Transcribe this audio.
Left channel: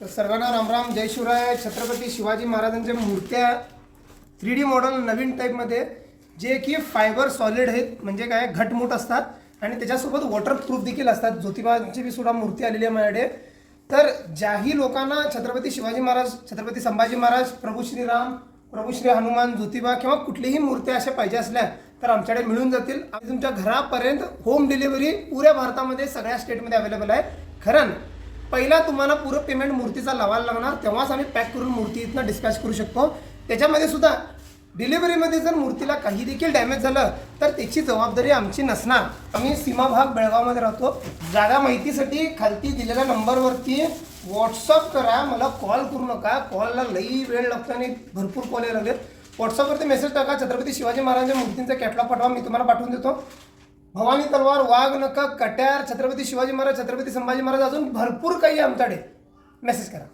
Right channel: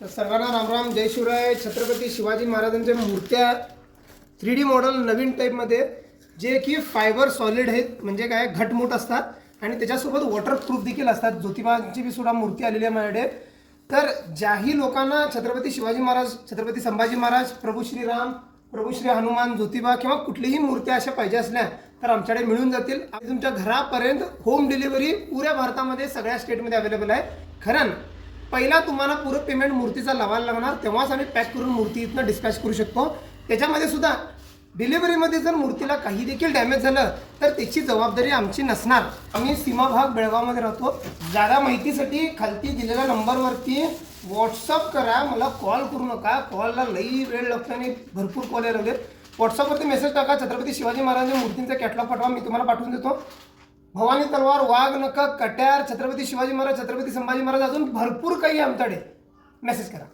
तर सर्वांना रामराम, जय शिवराय. छत्रपती शिवाजी महाराजांच्या मूर्त्या 3D मॉडेल नवीन टाईपमध्ये, जे की फायबर सॉलिड आहेत, म्हणजे काय घटमुट असतात आणि त्याच्यासोबत वॉटरप्रूफ देखील असतात. ज्योतिबाची बी सुद्धा मूर्ती आलेली आहे माझ्याकडे. तर ज्याही लोकांना छत्रपती शिवाजी महाराज, छत्रपती संभाजी महाराज, प्रभू श्रीराम, प्रभू श्री हनुमान, ज्योतिबा किंवा कुठलीही मूर्त्या अशा पाहिजे असल्या तर आमच्याकडे मिळून जातील. आणि तुमच्या घरापर्यंत होम डिलिव्हरी पुऱ्या भारतामध्ये सगळ्या स्टेटमध्ये अवेलेबल आहे. खरं पहिला तुम्हाला पुरं पेमेंट मूर्तीचा लावायला लागणार, तेव्हाच आम्ही पॅक करून मूर्ती इथनं डिस्पॅच करू शकतो. त्याच्यामध्ये सुद्धा डिलिव्हरीमध्ये जर मूर्तीला काही देखील डॅमेज झालं तर त्याची जबाबदारी आमची नसणार. आम्ही सीमा भाग बेळगावमध्ये राहतो. जागा माहितीसाठी खालती दिलेल्या नंबरवरती व्हॉट्सअप करा, मला कॉल करू नका. कॉलला लई वेळ लागतो आणि भरपूर कॉल यायला लागले. व्हॉट्सअपवरती मेसेज टाका, छत्रपती शिवाजी महाराजांच्या मूर्तींचा कॅटलॉग पाठवा, मी तुम्हाला पाठवून देतो. भवानी तलवार, वाघ नख, कट्यार, छत्रपती शिवाजी महाराज, छत्रपती संभाजी महाराज, अजून भरपूर काही आमच्याकडे. मेसेज करा.